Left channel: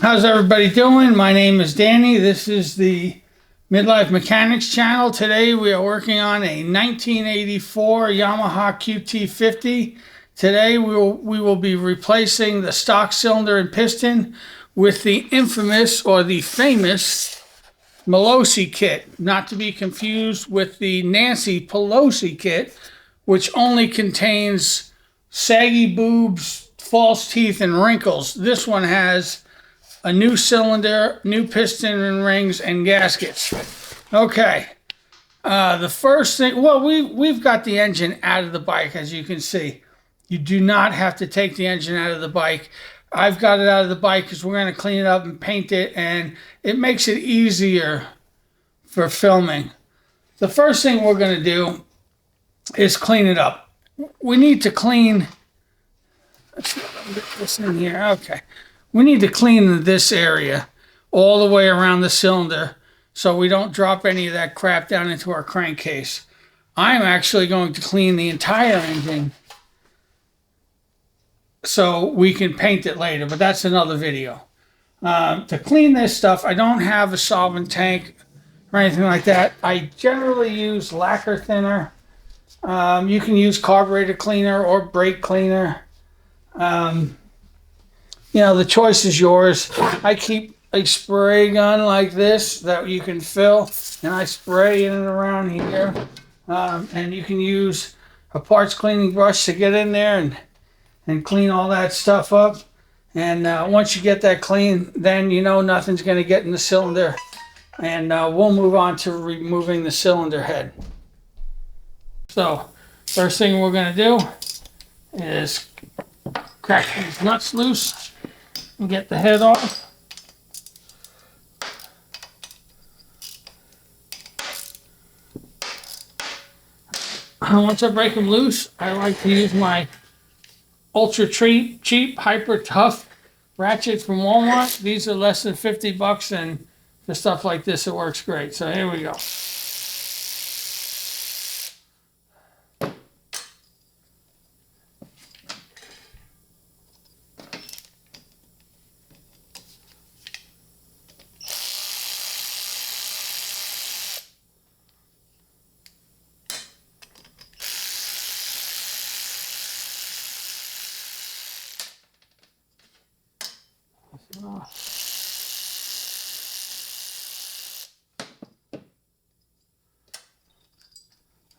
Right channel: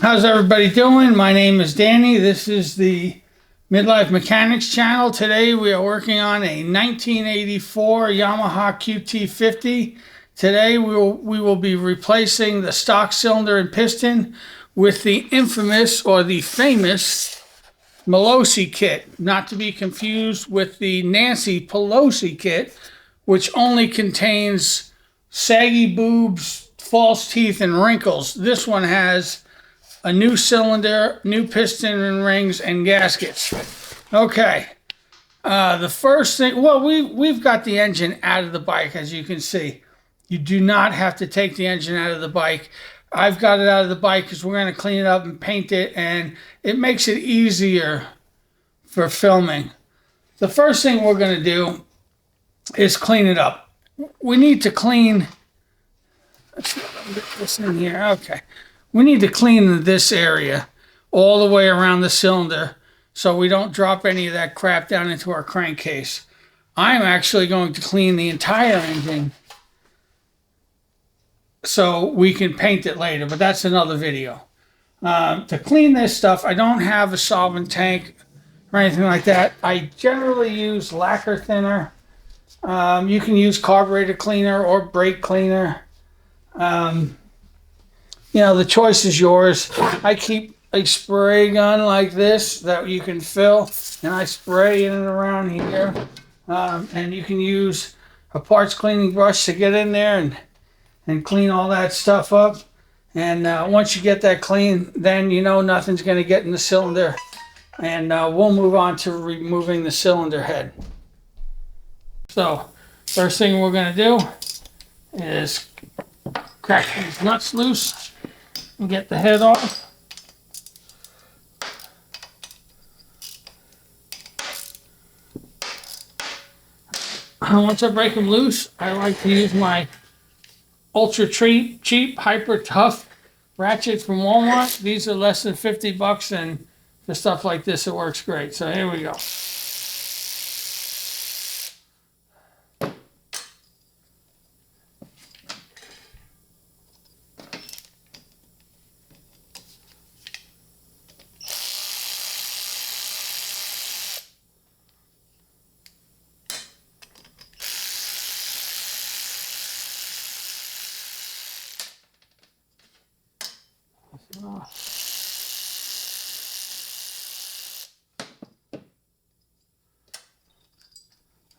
How's everybody doing? My name is Danny. This is the Midlife Mechanics channel. Today we are working on a 1984 Yamaha QT50. Today we will be replacing the stock cylinder and piston with the infamous or the famous Malossi kit, not to be confused with the Nancy Pelosi kit, which only contains saggy boobs, false teeth, and wrinkles. This one has a new cylinder, new piston and rings, and gaskets. Okay, the first thing, well, we've got the engine out of the bike, as you can see. You do not have to take the engine out of the bike. I've got it out of the bike because we're going to clean it up and paint it, and it makes it easier for filming. The first thing we're going to do is clean it up. We need to clean, let's get this in here, okay. We need to clean this area all the way around the cylinder so we don't drop any of that crap down into our crankcase. I'm actually going to clean the entire engine so we can paint it later, but that's another video. To clean this stuff, I don't have a solvent tank or anything like that. I generally use lacquer thinner. You can use carburetor cleaner or brake cleaner. You know, the choice is yours. I keep a spray gun like this that you can fill, and I spray in and around here. And you can use a parts cleaning brush to get in there and clean all that stuff up. And once you get that clean, then you know nothing's going to get in the cylinder. And we'll move on to removing the cylinder head. So, first thing we're going to do is crack these nuts loose and get the head off. Once I break them loose, I like to use my ultra cheap, hyper tough ratchet from Walmart. These are less than 50 bucks, and for stuff like this, it works great. So here we go.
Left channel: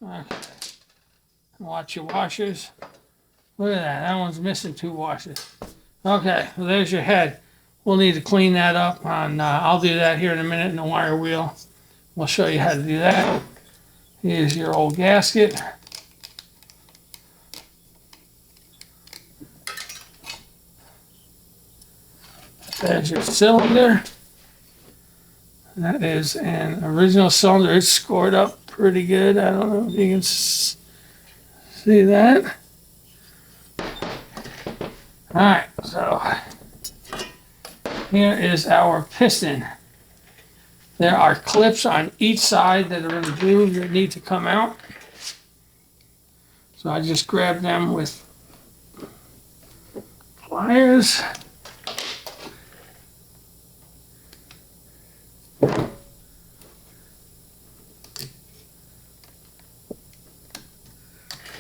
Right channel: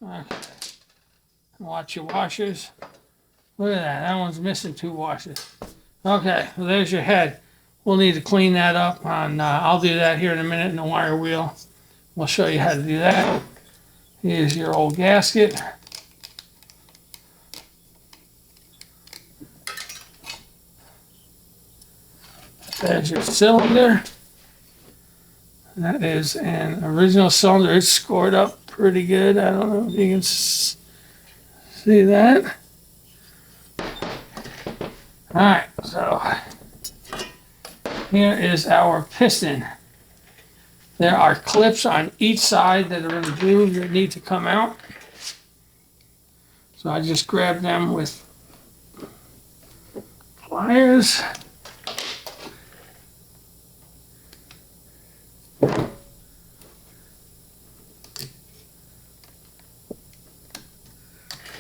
Okay. Watch your washers. Look at that. That one's missing 2 washers. Okay, well, there's your head. We'll need to clean that up. I'll do that here in a minute in the wire wheel. We'll show you how to do that. Here's your old gasket. There's your cylinder. That is an original cylinder. It's scored up pretty good. I don't know if you can see that. All right, so here is our piston. There are clips on each side that are in the groove that need to come out. So I just grab them with pliers.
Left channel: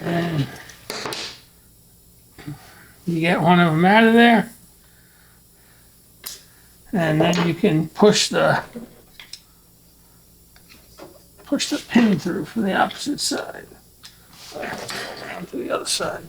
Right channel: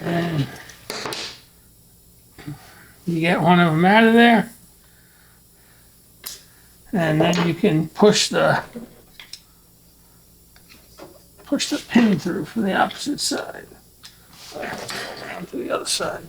And you get one of them out of there, and then you can push the pin through from the opposite side. Down to the other side.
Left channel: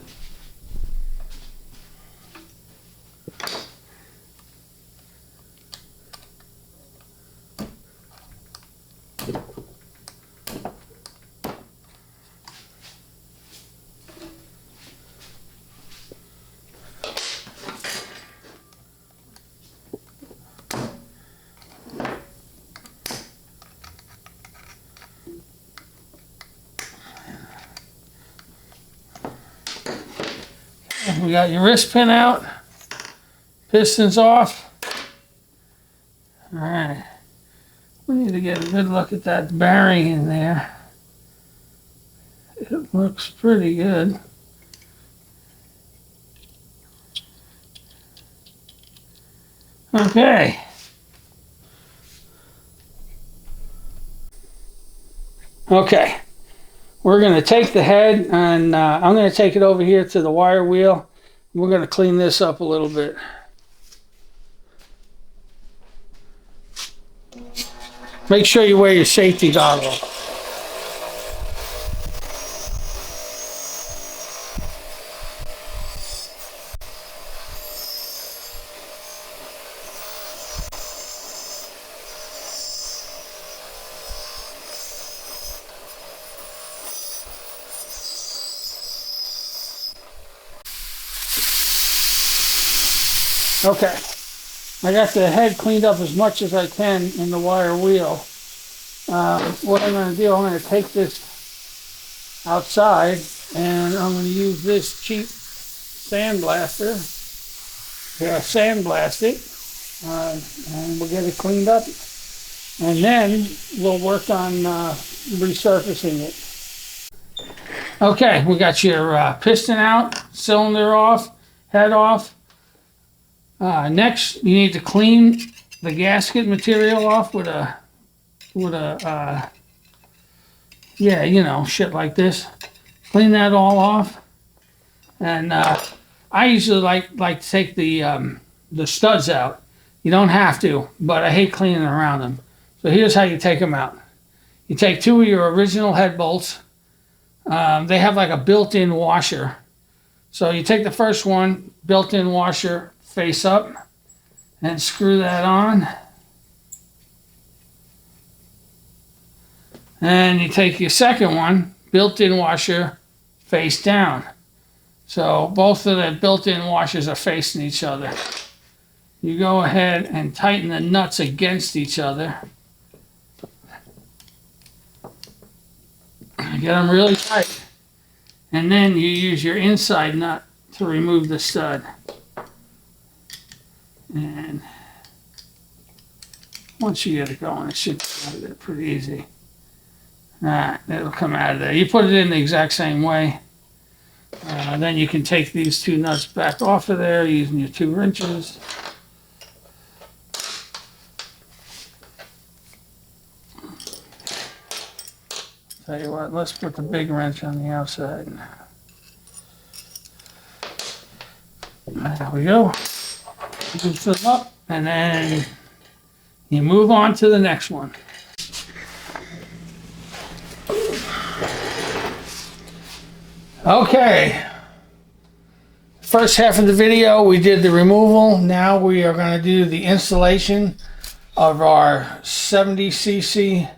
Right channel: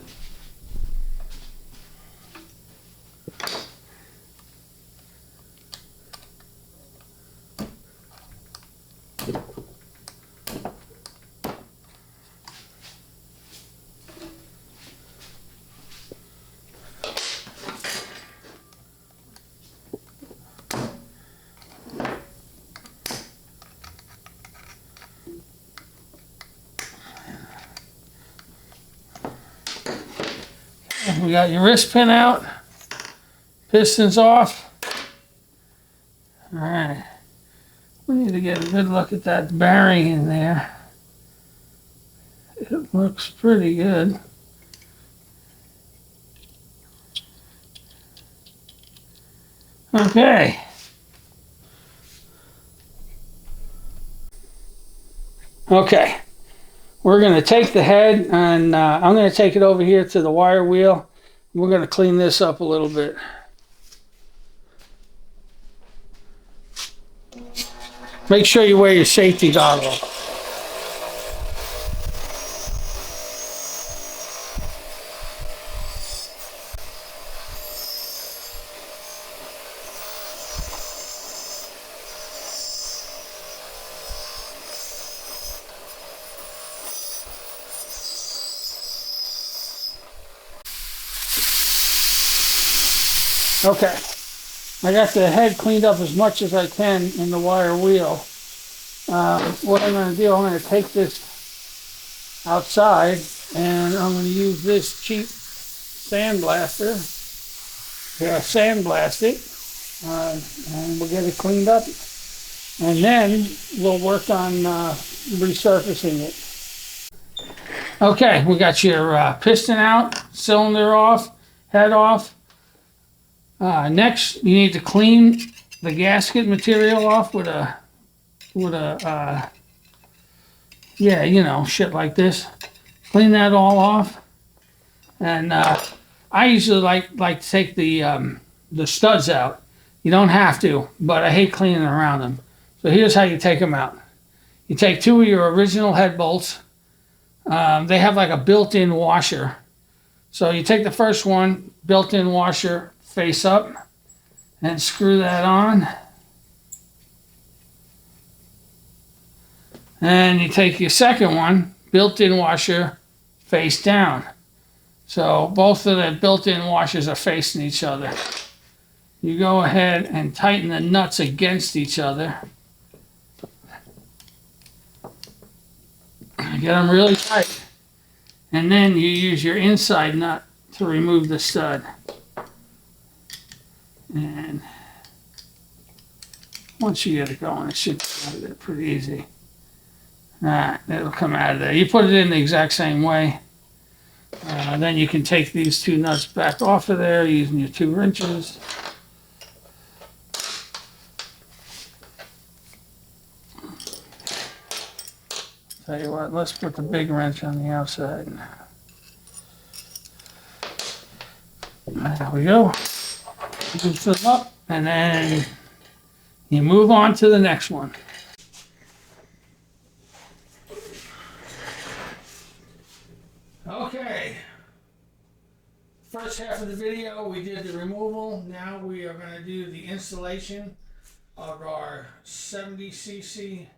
We got your wrist pin out, pistons off. All right, we need to get a good look at that bearing in there. It looks pretty good. Okay. Okay. We're going to take the head and I'm going to take it over here to the wire wheel. We're going to clean this up a little bit. Make sure you wear your safety goggles. Okay, I got the head cleaned up as much as I can in the wire wheel. What I'm going to do, I'm going to take this outside and I'm going to use this cheap sandblaster to sandblast it, and we'll get it cleaned up. And then we'll work on resurfacing it. Okay, we got your piston out, cylinder off, head off. Next, you need to clean the gasket material off with a yeah, you know, shit like this. Clean that all off. And I usually like to take the studs out. You don't have to, but I hate cleaning around them. So here's how you take them out. You take two of your original head bolts. They have like a built-in washer. So you take the first one, built-in washer, face up, and screw that on. And you take your second one, built-in washer, face down. So both of the built-in washers are facing each other. You go ahead and tighten the nuts against each other. Get them really tight. And then you use your inside nut to remove the stud. And once you get it going, it should come out of there pretty easy. It'll come out of there. You put it in the exact same way. Then you can take these two nuts back off of there using your 2 wrenches. Tell you what, let's put the big wrench on the outside. There we go. Loosen them up, and then you move on to the next one. Okay. First half of the video, we did the removal. Now we are going to do the installation of our 70cc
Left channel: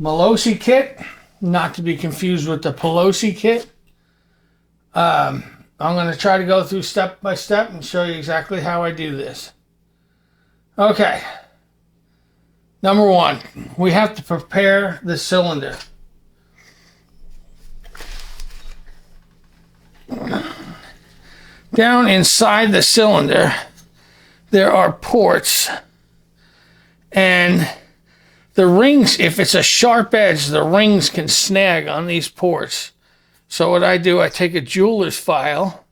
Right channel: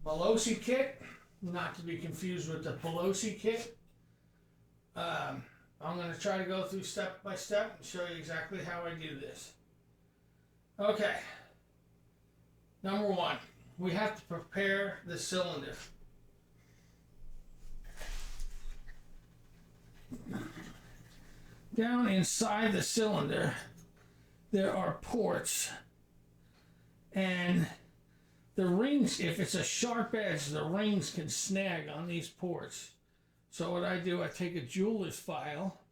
Malossi kit, not to be confused with the Pelosi kit. I'm going to try to go through step by step and show you exactly how I do this. Okay. Number one, we have to prepare the cylinder. Down inside the cylinder, there are ports, and the rings, if it's a sharp edge, the rings can snag on these ports. So what I do, I take a jeweler's file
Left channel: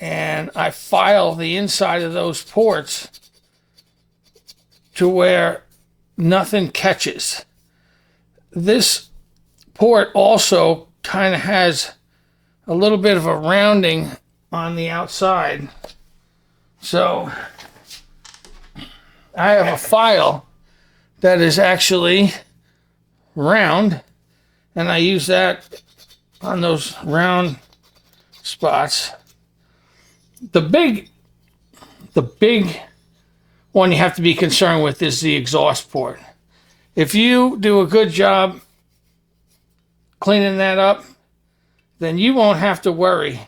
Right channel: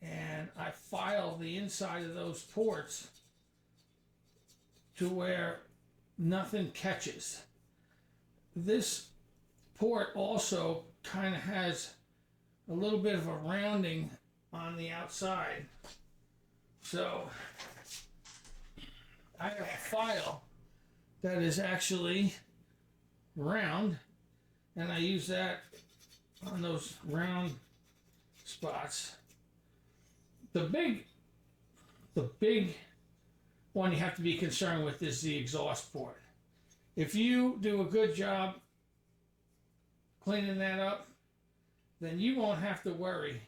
and I file the inside of those ports to where nothing catches. This port also kind of has a little bit of a rounding on the outside. So I have a file that is actually round, and I use that on those round spots. The big one you have to be concerned with is the exhaust port. If you do a good job cleaning that up, then you won't have to worry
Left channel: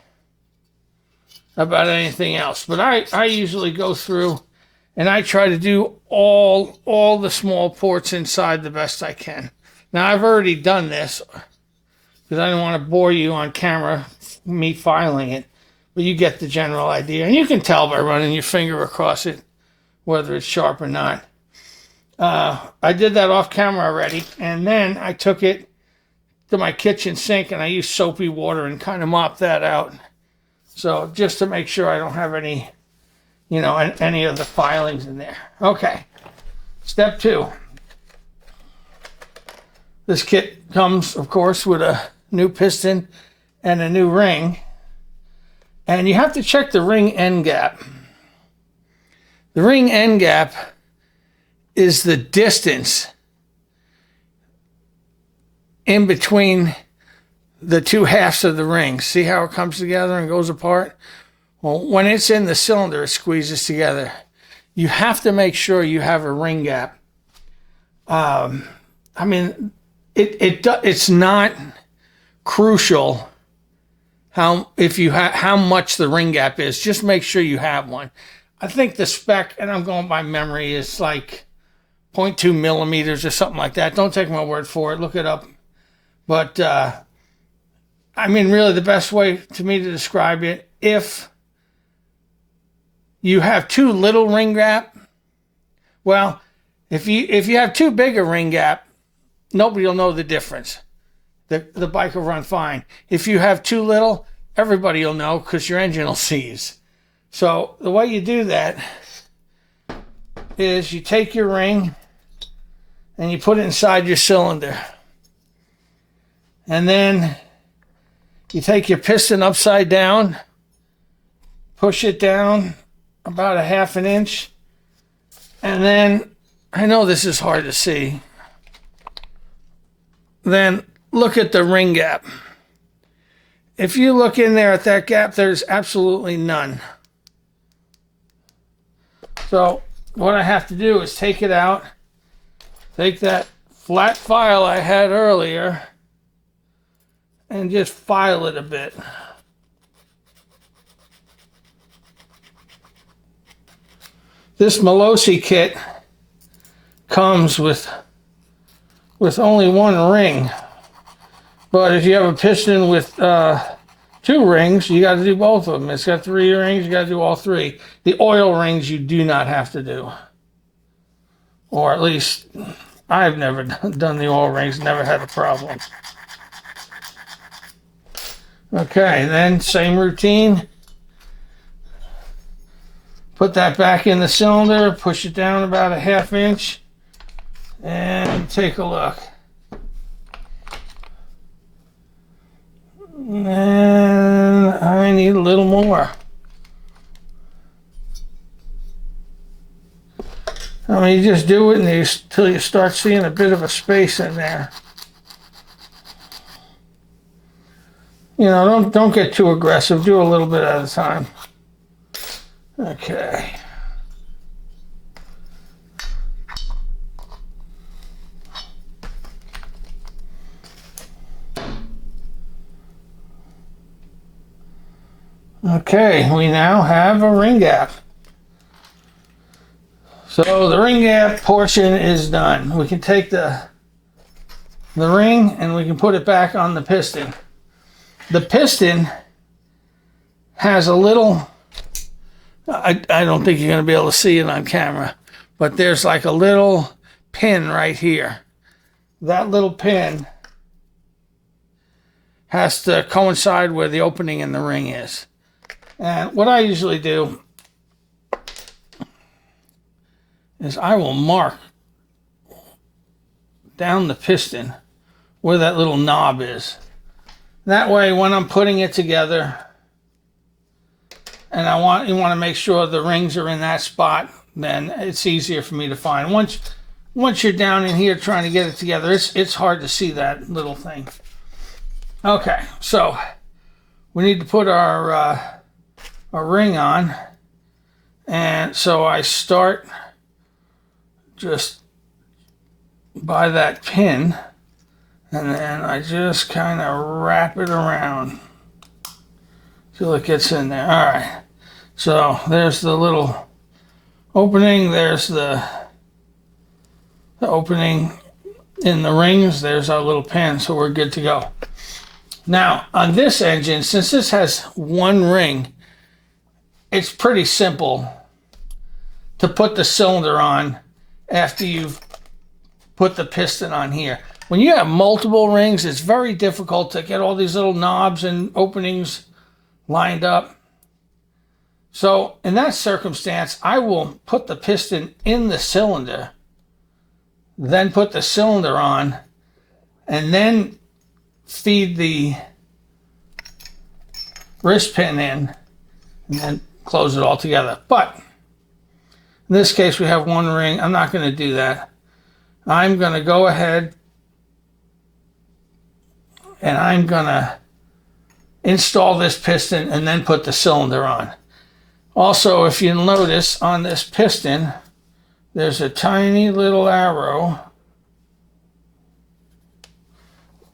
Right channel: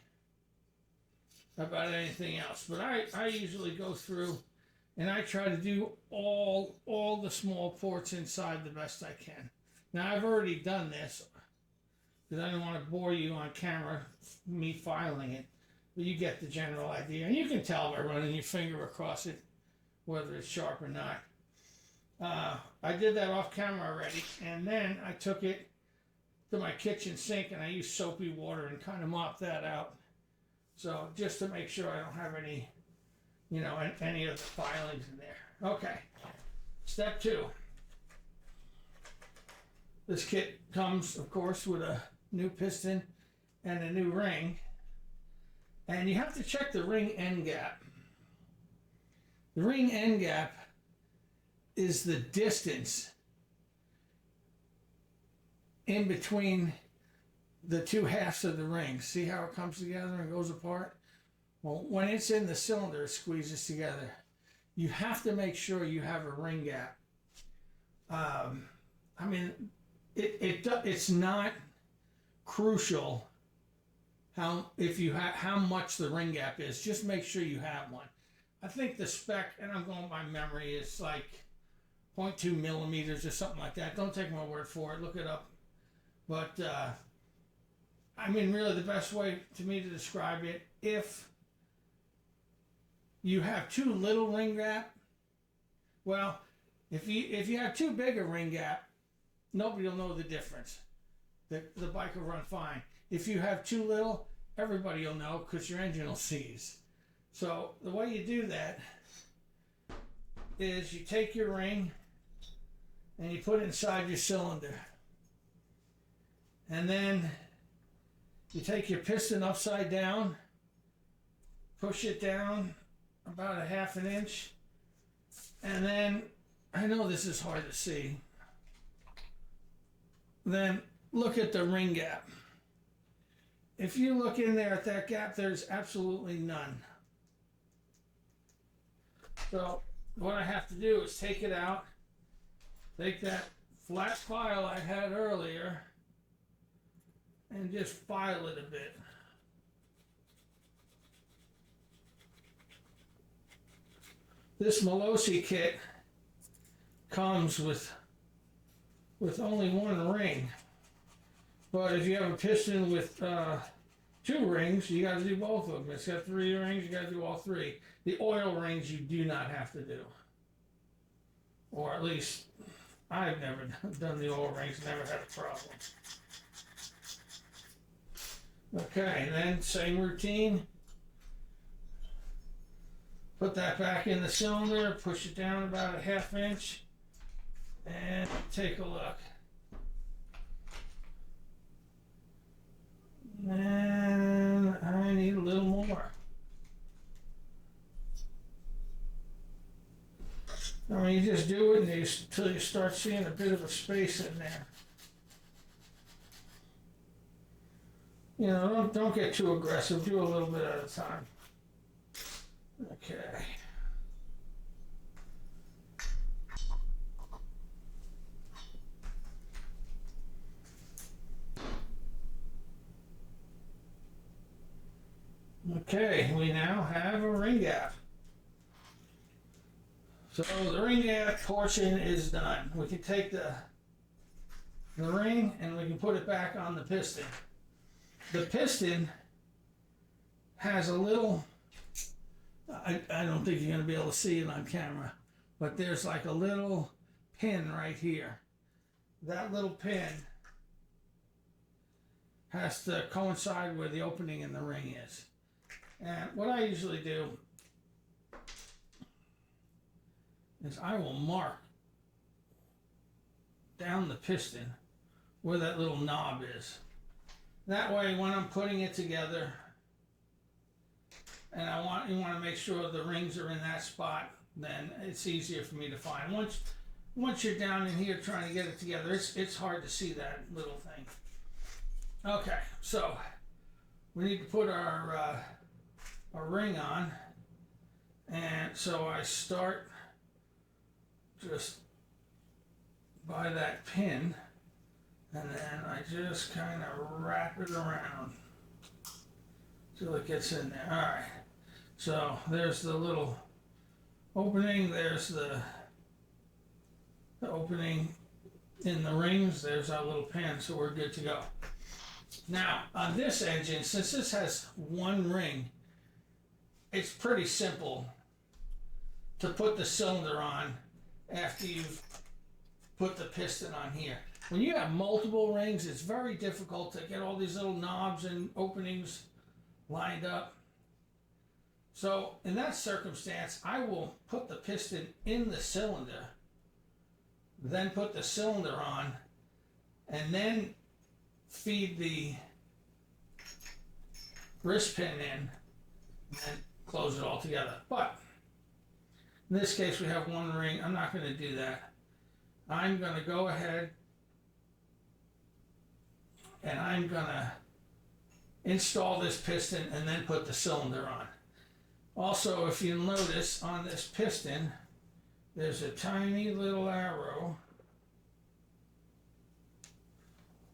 about anything else. But I usually go through and I try to do all the small ports inside the best I can. Now I've already done this because I don't want to bore you on camera, me filing it, but you get the general idea. And you can tell by running your finger across it whether it's sharp or not. I did that off camera already, and then I took it to my kitchen sink and I used soapy water and kind of mopped that out. So just to make sure I don't have any you know, any of the filings in there. Okay, step 2. This kit comes, of course, with a new piston and a new ring. And you have to check the ring end gap. The ring end gap is the distance in between the two halves of the ring. See how it comes together and goes apart? Well, when it's in the cylinder, it squeezes together. You have to make sure you have a ring gap. I mean, it's not crucial how much the ring gap is. Just make sure you have one. I think the spec, and I'm going by memory, is like 0.2 millimeters or something like that. Don't take my word for it. Look it up. But I mean, really, the best way to me to describe it, if you have too little ring gap, well, if you have too big a ring gap, nobody will know the difference. The bike will run fine. If you have too little, everybody will know because your engine will seize. So the way you do that is you take your ring and you put it inside your cylinder. And then you take your piston upside down, push it down about a half an inch, and then, I know this is hard to see, then look at the ring gap. If you look in there at that gap, there's absolutely none. So what I have to do is take it out, take that flat file I had earlier, and just file it a bit. This Malossi kit comes with only one ring. But if you have a piston with 2 rings, you got to do both of them. It's got 3 rings, you got to do all 3. The oil rings you do not have to do. Or at least I've never done the oil rings, never had a problem. Okay, then same routine. Put that back in the cylinder, push it down about a half inch, and take a look. And I need a little more. I mean, you just do it until you start seeing a bit of a space in there. You know, don't get too aggressive. Do a little bit at a time. Okay. Okay, we now have a ring gap. So the ring gap portion is done. We can take the ring and we can put it back on the piston. The piston has a little, I don't think you're going to be able to see it on camera, but there's like a little pin right here. That little pin has to coincide where the opening in the ring is. And what I usually do is I will mark down the piston where that little knob is. That way, when I'm putting it together, and you want to make sure the rings are in that spot, then it's easier for me to find. Once you're down in here trying to get it together, it's hard to see that little thing. Okay, so we need to put our ring on, and so I start just by that pin, and then I just kind of wrap it around till it gets in there. All right, so there's the little opening, there's the opening in the rings, there's our little pin, so we're good to go. Now, on this engine, since this has one ring, it's pretty simple to put the cylinder on after you've put the piston on here. When you have multiple rings, it's very difficult to get all these little knobs and openings lined up. So in that circumstance, I will put the piston in the cylinder, then put the cylinder on, and then feed the wrist pin in, and then close it all together. But in this case, we have one ring. I'm not going to do that. I'm going to go ahead and I'm going to install this piston and then put the cylinder on. Also, if you notice on this piston, there's a tiny little arrow.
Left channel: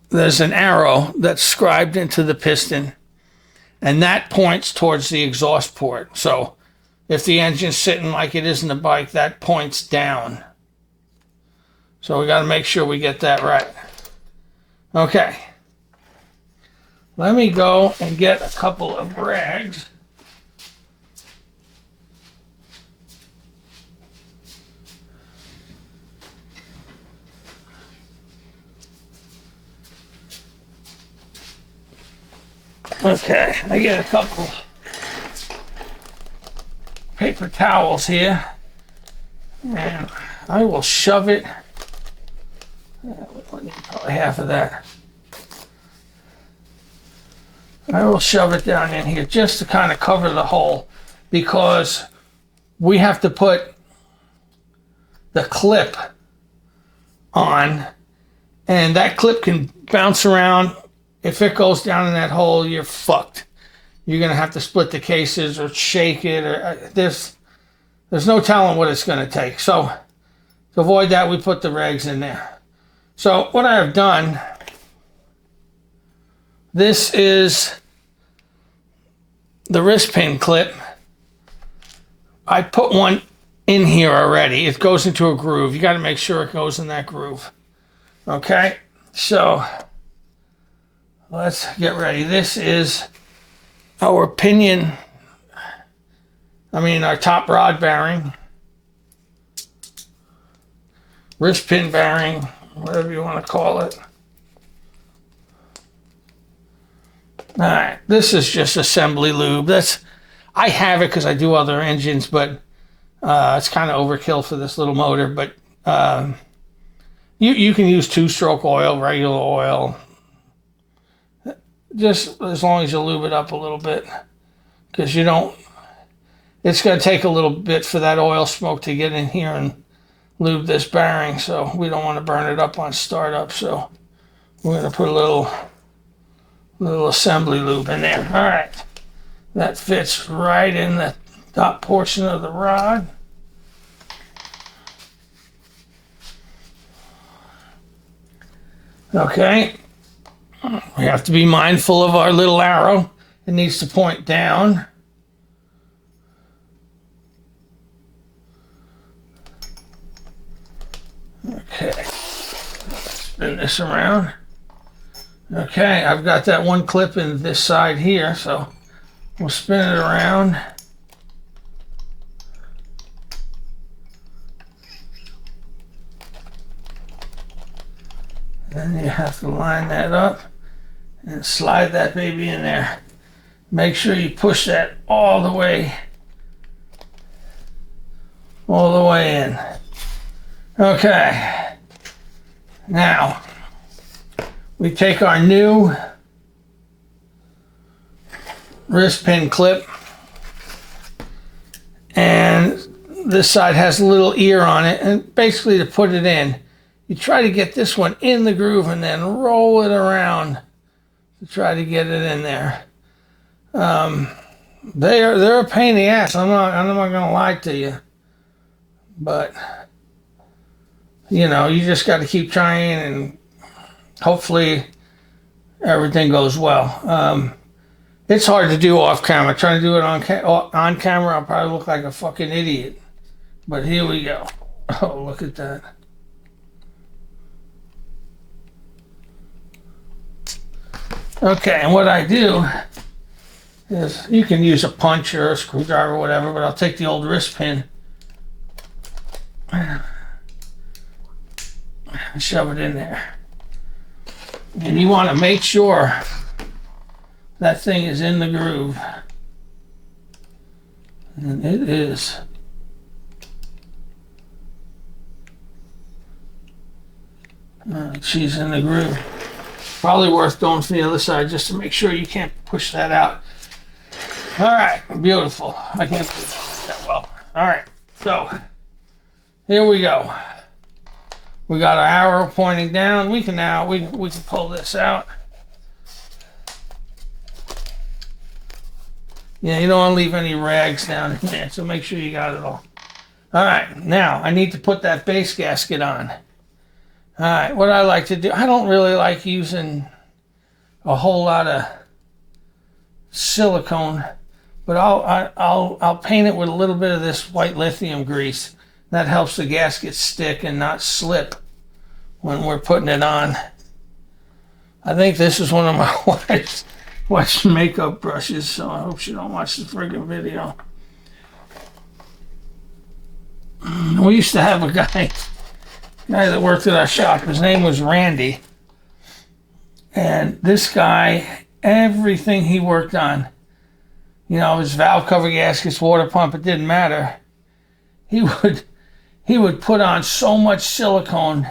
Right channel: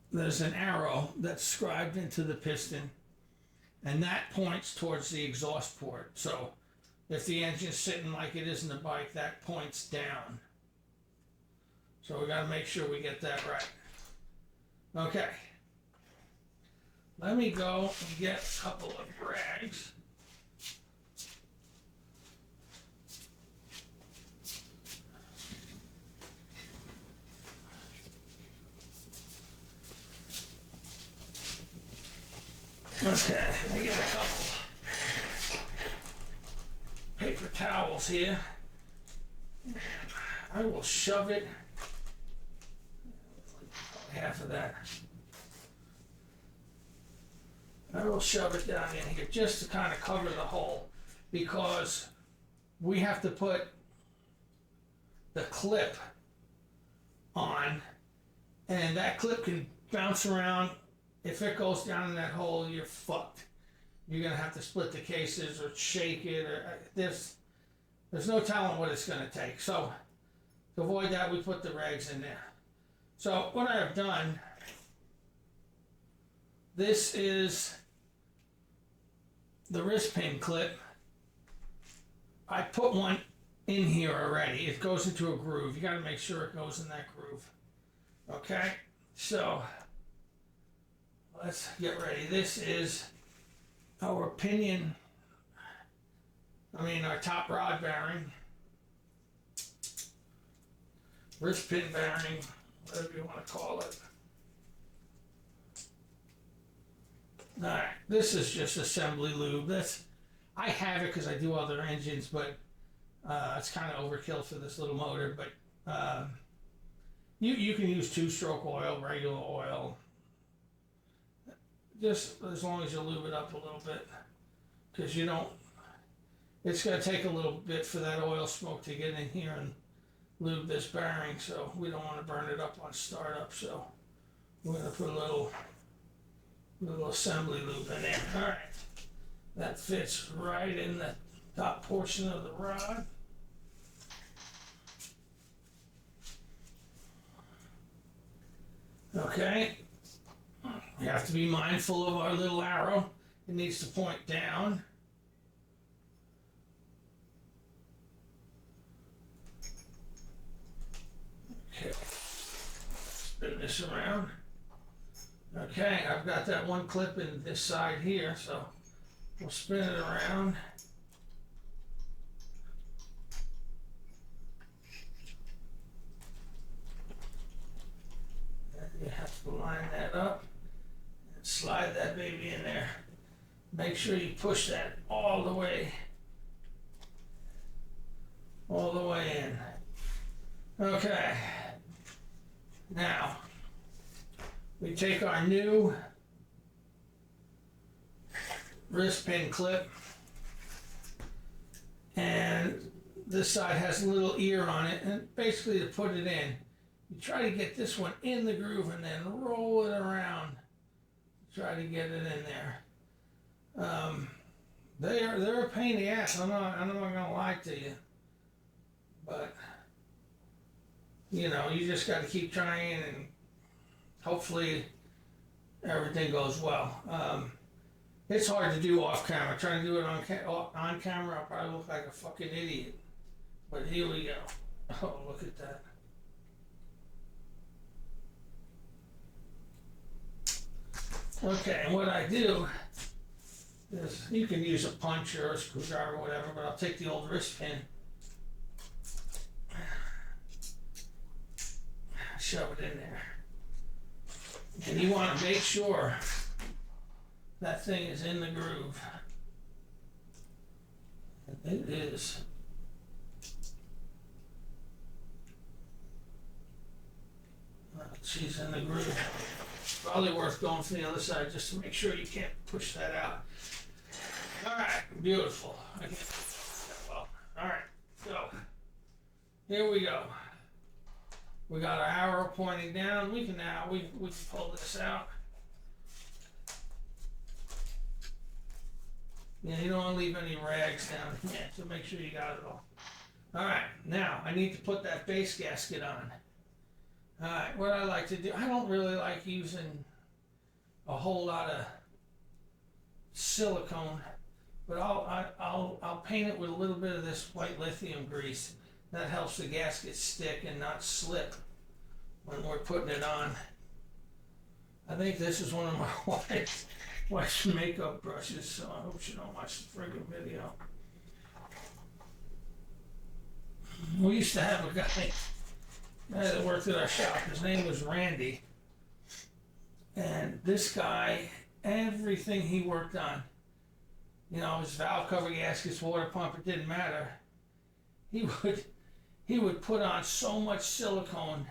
There's an arrow that's scribed into the piston, and that points towards the exhaust port. So if the engine's sitting like it is in the bike, that points down. So we got to make sure we get that right. Okay. Let me go and get a couple of rags. Okay, I get a couple paper towels here, and I will shove it. Probably half of that. I will shove it down in here just to kind of cover the hole, because we have to put the clip on, and that clip can bounce around. If it goes down in that hole, you're fucked. You're going to have to split the cases or shake it, or there's no telling what it's going to take. So to avoid that, we put the rags in there. So what I have done, this is the wrist pin clip. I put one in here already. It goes into a groove. You got to make sure it goes in that groove. Okay, so let's get ready. This is our pinion, our top rod bearing, wrist pin bearing, whatever you want to call it. All right, this is just assembly lube. I have it because I do other engines, but it's kind of overkill for this little motor. But you can use two-stroke oil, regular oil, just as long as you lube it up a little bit, because it's going to take a little bit for that oil smoke to get in here and lube this bearing, so we don't want to burn it up on startup. So we're going to put a little assembly lube in there. All right, that fits right in the top portion of the rod. Okay, we have to be mindful of our little arrow. It needs to point down. Okay, spin this around. Okay, I've got that one clip in this side here, so we'll spin it around. Then you have to line that up and slide that baby in there. Make sure you push that all the way in. Okay, now we take our new wrist pin clip, and this side has a little ear on it, and basically to put it in, you try to get this one in the groove and then roll it around to try to get it in there. They're a pain in the ass. I'm not gonna lie to you, but you just got to keep trying, and hopefully everything goes well. It's hard to do off camera. Trying to do it on camera, I'll probably look like a fucking idiot. But here we go. Oh, look at that. Okay, and what I do is, you can use a punch or a screwdriver or whatever, but I'll take the old wrist pin and shove it in there. And you want to make sure that thing is in the groove. And it is. She's in the groove. Probably worth going from the other side just to make sure you can't push that out. All right, beautiful. I can't do that well. All right, so here we go. We got our arrow pointing down. We can now we can pull this out. Yeah, you don't want to leave any rags down in there, so make sure you got it all. All right, now I need to put that base gasket on. All right, what I like to do, I don't really like using a whole lot of silicone, but I'll paint it with a little bit of this white lithium grease. That helps the gasket stick and not slip when we're putting it on. I think this is one of my wife's makeup brushes, so I hope she don't watch the friggin' video. We used to have a guy that worked at our shop. His name was Randy. And this guy, everything he worked on, you know, his valve cover gaskets, water pump, it didn't matter. He would put on so much silicone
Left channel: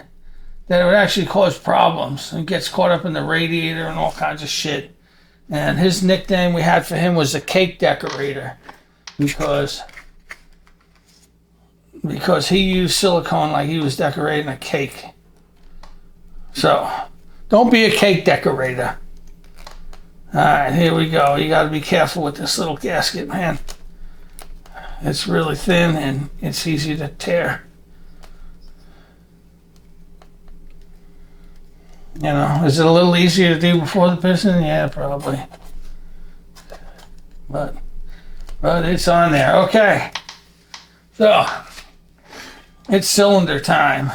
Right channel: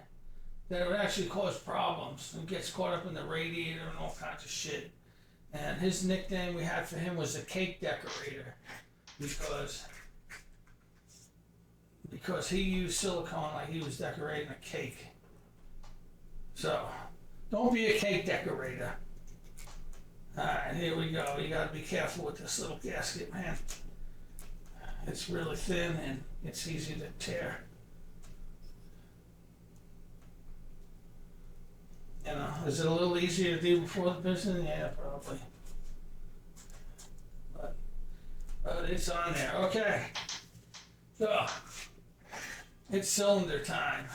that it would actually cause problems. It gets caught up in the radiator and all kinds of shit. And his nickname we had for him was the cake decorator because he used silicone like he was decorating a cake. So, don't be a cake decorator. All right, here we go. You got to be careful with this little gasket, man. It's really thin and it's easy to tear. You know, is it a little easier to do before the piston? Yeah, probably. But it's on there. Okay. So, it's cylinder time.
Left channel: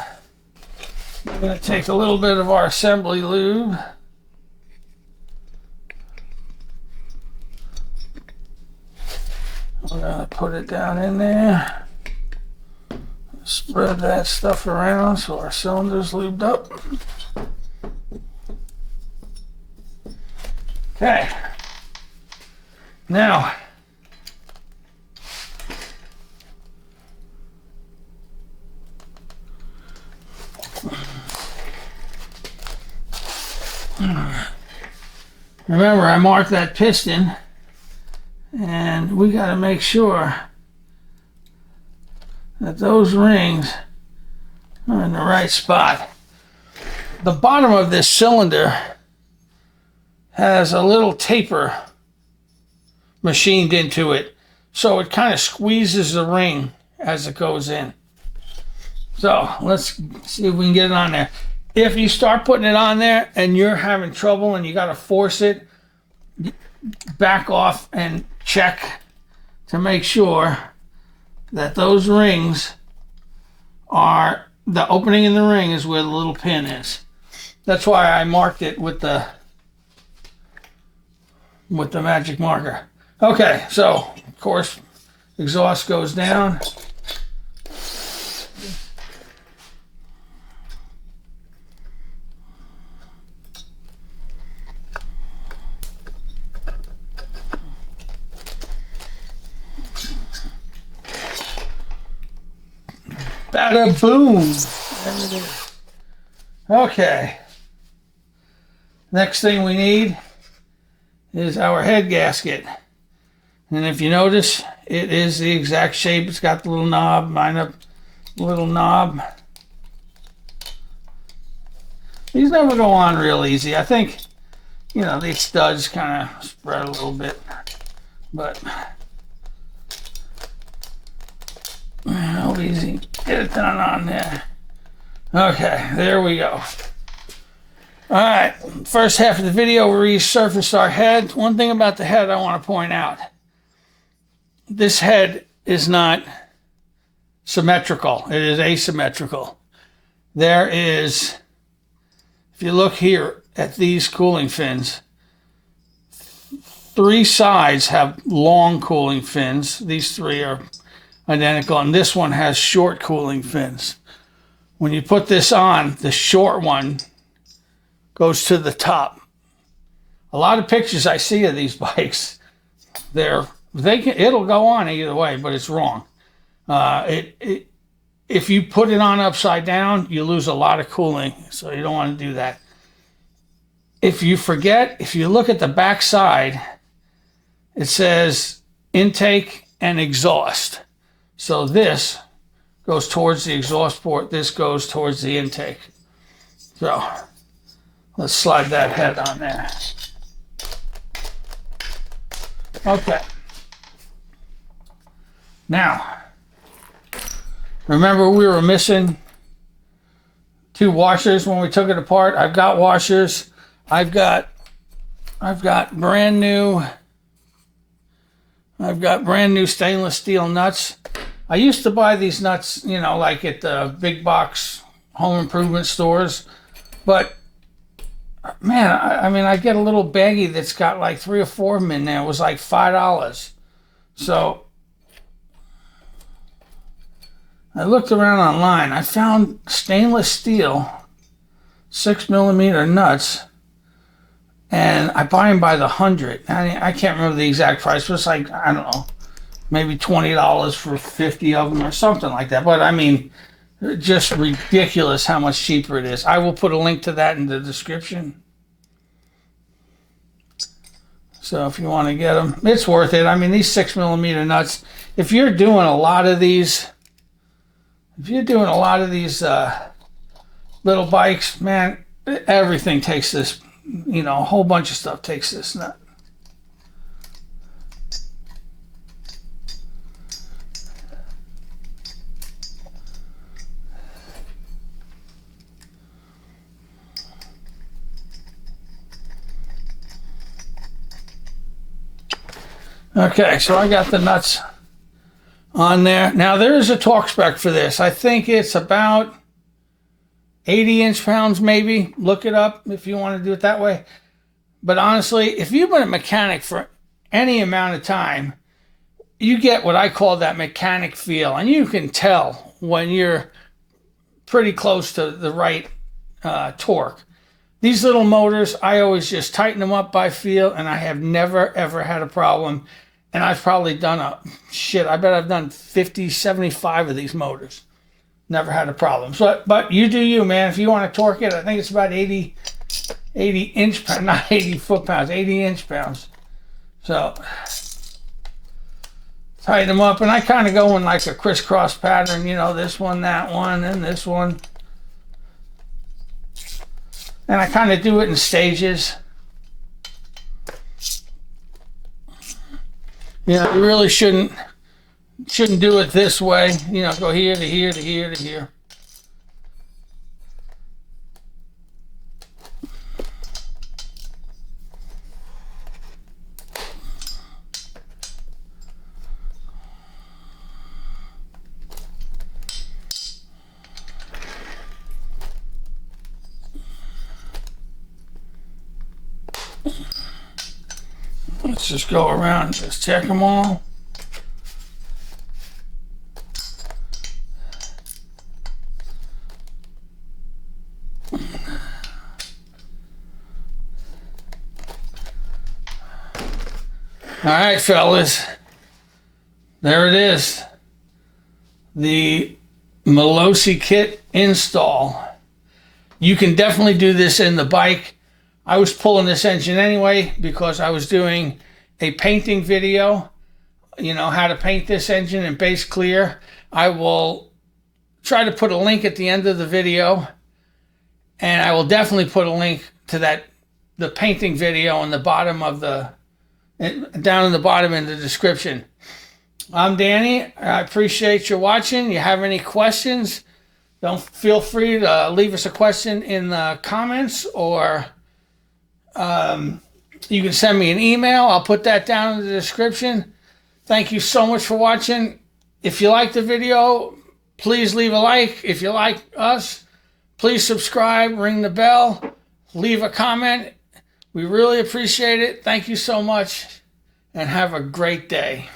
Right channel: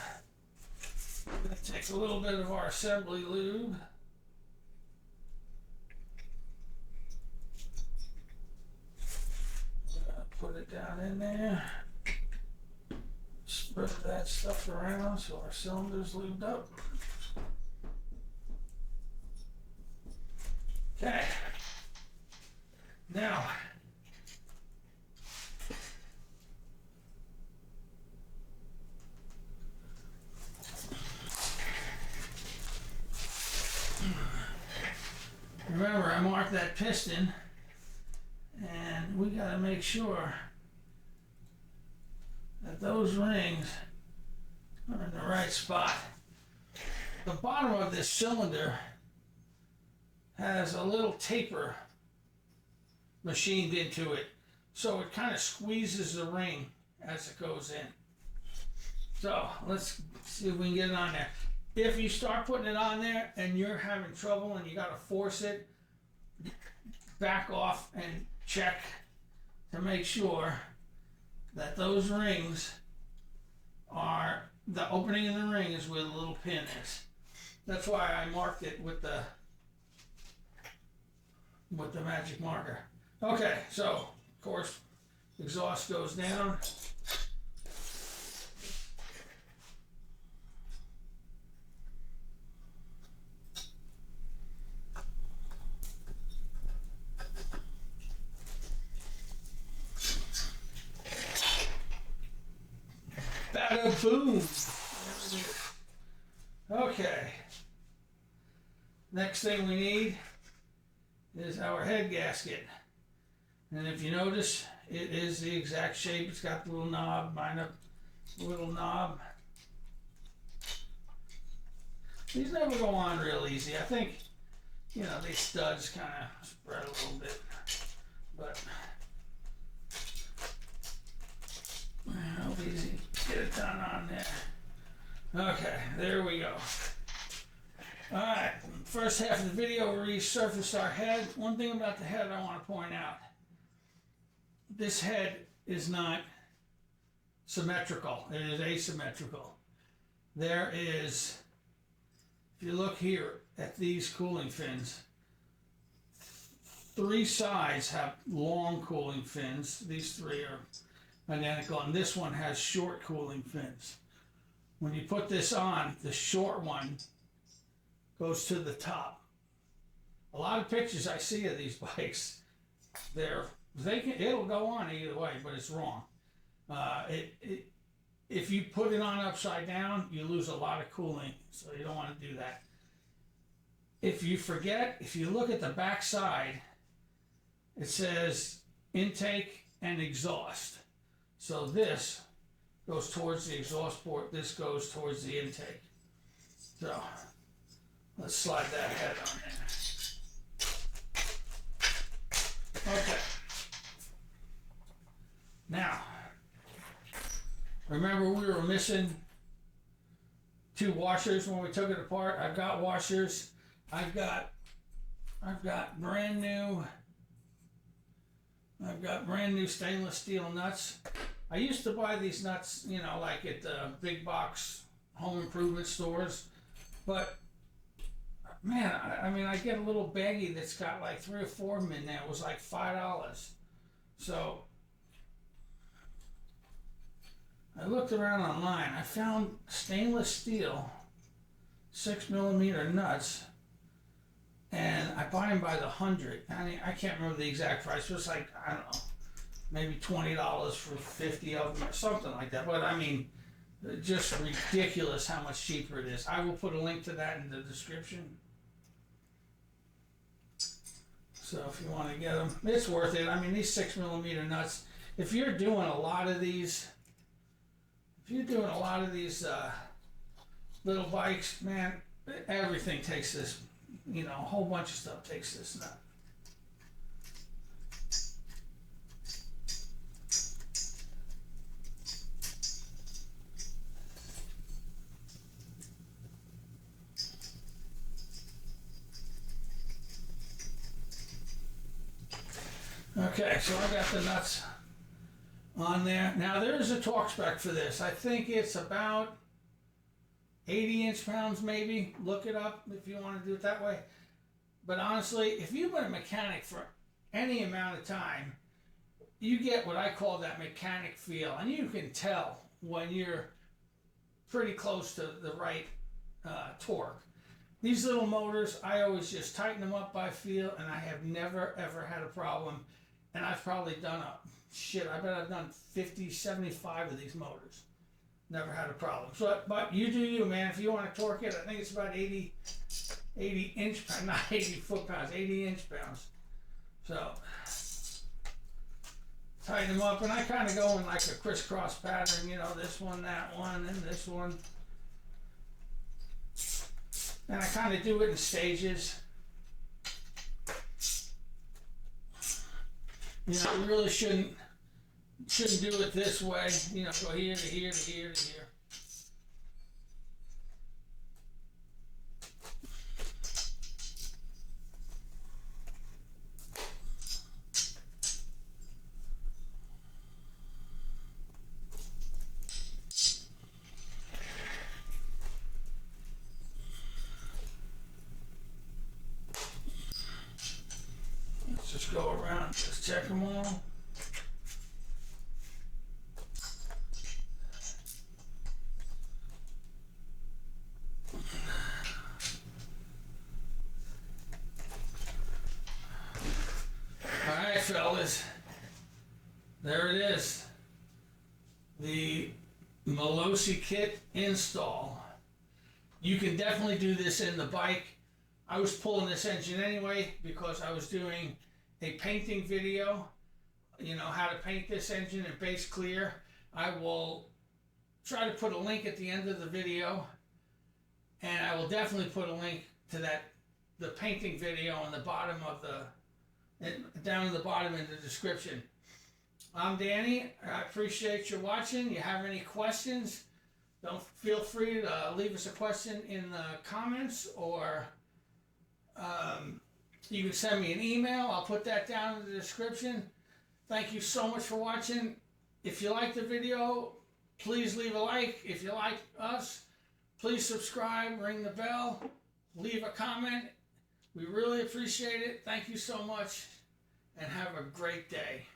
We're going to take a little bit of our assembly lube. We're going to put it down in there. Spread that stuff around so our cylinder's lubed up. Okay. Now, remember, I marked that piston, and we got to make sure that those rings are in the right spot. The bottom of this cylinder has a little taper machined into it, so it kind of squeezes the ring as it goes in. So let's see if we can get it on there. If you start putting it on there and you're having trouble and you got to force it, back off and check to make sure that those rings are, the opening in the ring is where the little pin is. That's why I marked it with the magic marker. Okay, so of course exhaust goes down. Bada boom. There it is. Okay. Next thing we need is our head gasket. And if you notice, it is the exact shape. It's got the little knob, mine a little knob. These never go on real easy. I think, you know, these studs kind of spread a little bit, but how easy. Get it done on there. Okay, there we go. All right, first half of the video, we resurfaced our head. One thing about the head I want to point out. This head is not symmetrical. It is asymmetrical. There is, if you look here at these cooling fins, 3 sides have long cooling fins. These 3 are identical, and this one has short cooling fins. When you put this on, the short one goes to the top. A lot of pictures I see of these bikes, they're It'll go on either way, but it's wrong. If you put it on upside down, you lose a lot of cooling, so you don't want to do that. If you forget, if you look at the back side, it says intake and exhaust. So this goes towards the exhaust port, this goes towards the intake. So let's slide that head on there. Okay. Now, remember we were missing 2 washers when we took it apart. I've got washers. I've got brand new stainless steel nuts. I used to buy these nuts, you know, like at the big box home improvement stores, but man, I mean, I get a little baggie that's got like 3 or 4 of them in there. It was like $5. So I looked around online. I found stainless steel 6mm nuts, and I buy them by the 100. I can't remember the exact price, but it's like, I don't know, maybe $20 for 50 of them or something like that. But I mean, just ridiculous how much cheaper it is. I will put a link to that in the description. So if you want to get them, it's worth it. I mean, these 6mm nuts, if you're doing a lot of these, little bikes, man, everything takes this, you know, a whole bunch of stuff takes this nut. Okay, so I got the nuts on there. Now there is a torque spec for this. I think it's about 80 inch-pounds maybe. Look it up if you want to do it that way. But honestly, if you've been a mechanic for any amount of time, you get what I call that mechanic feel. And you can tell when you're pretty close to the right torque. These little motors, I always just tighten them up by feel, and I have never, ever had a problem. And I've probably done I bet I've done 50, 75 of these motors. Never had a problem. So, but you do you, man. If you want to torque it, I think it's about 80 inch-pounds, not 80 foot-pounds, 80 inch-pounds. So, tighten them up. And I kind of go in like a crisscross pattern, you know, this one, that one, and this one. And I kind of do it in stages. You know, you really shouldn't do it this way. You know, go here to here to here to here. Let's just go around, just check them all. All right, fellas, there it is. The Malossi kit install. You can definitely do this in the bike. I was pulling this engine anyway because I was doing a painting video, you know, how to paint this engine in base clear. I will try to put a link at the end of the video, and I will definitely put a link to the painting video on the bottom of down in the bottom in the description. I'm Danny. I appreciate you watching. You have any questions, don't feel free to leave us a question in the comments, or you can send me an email. I'll put that down in the description. Thank you so much for watching. If you like the video, please leave a like. If you like us, please subscribe, ring the bell, leave a comment. We really appreciate it. Thank you so much, and have a great day.